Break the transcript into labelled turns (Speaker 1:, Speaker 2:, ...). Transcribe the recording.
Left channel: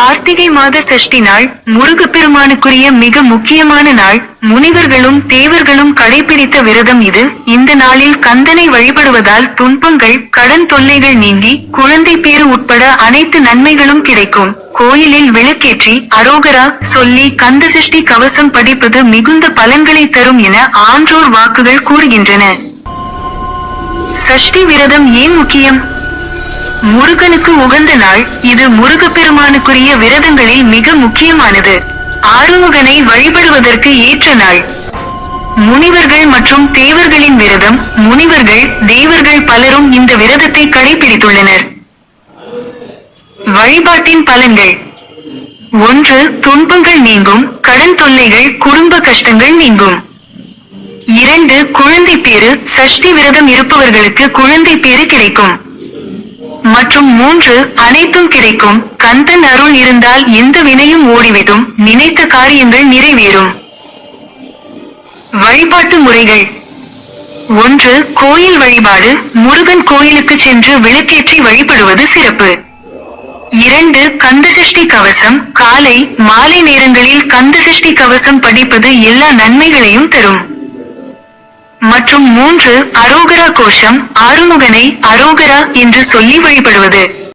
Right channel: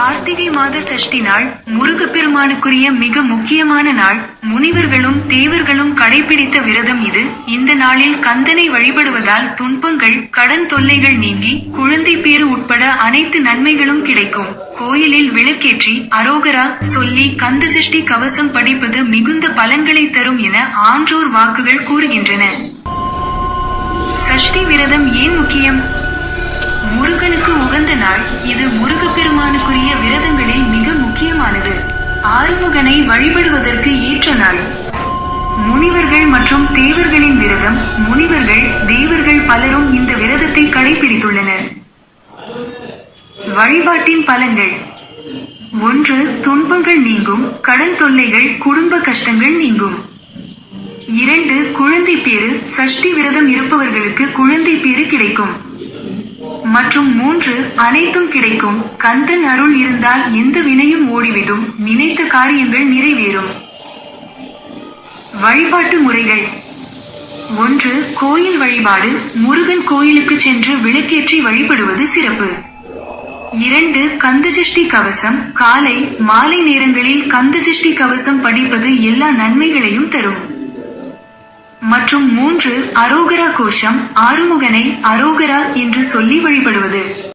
Speaker 1: கார்த்திகை மாத சஷ்டி நாள் முருகப்பெருமானுக்குரிய மிக முக்கியமான நாள் முனிவர்களும் தேவர்களும் கடைபிடித்த விரதம் இது. இந்த நாளில் கந்தனை வழிபடுவதால் துன்பங்கள் கடன் தொல்லைகள் நீங்கி குழந்தை பேறு உட்பட அனைத்து நன்மைகளும் கிடைக்கும். கோயிலில் விளக்கேற்றி அரோகரா சொல்லி கந்த சஷ்டி கவசம் படிப்பது மிகுந்த பலன்களை தரும் என ஆன்றோர் வாக்குகள் கூறுகின்றன. சஷ்டி விரதம் ஏன் முக்கியம்? முருகனுக்கு உகந்த நாள். இது முருகப்பெருமானுக்குரிய விரதங்களில் மிக முக்கியமானது. ஆறுமுகனை வழிபடுவதற்கு ஏற்ற நாள். முனிவர்கள் மற்றும் தேவர்களின் விரதம். முனிவர்கள் தேவர்கள் பலரும் இந்த விரதத்தை கடைபிடித்துள்ளனர். வழிபாட்டின் பலன்கள். ஒன்று துன்பங்கள் நீங்கும். கடன் தொல்லைகள் குடும்ப கஷ்டங்கள் நீங்கும். இரண்டு குழந்தை பேரு சஷ்டி விரதம் இருப்பவர்களுக்கு குழந்தை பேரு கிடைக்கும். மற்றும் மூன்று அனைத்தும் கிடைக்கும். கந்தன் அருள் இருந்தால் எந்த வினையும் ஓடிவிடும். நினைத்த காரியங்கள் நிறைவேறும். வழிபாட்டு முறைகள். ஒன்று கோயில் வழிபாடு. முருகன் கோயிலுக்கு சென்று விளக்கேற்றி வழிபடுவது சிறப்பு. இரண்டு கந்தசஷ்டி கவசம். காலை மாலை நேரங்களில் கந்தசஷ்டி கவசம் படிப்பது எல்லா நன்மைகளையும் தரும். மற்றும் மூன்று அரோகரா கோஷம் ஆறுமுகனை அரோகரா என்று சொல்லி வழிபடுவது.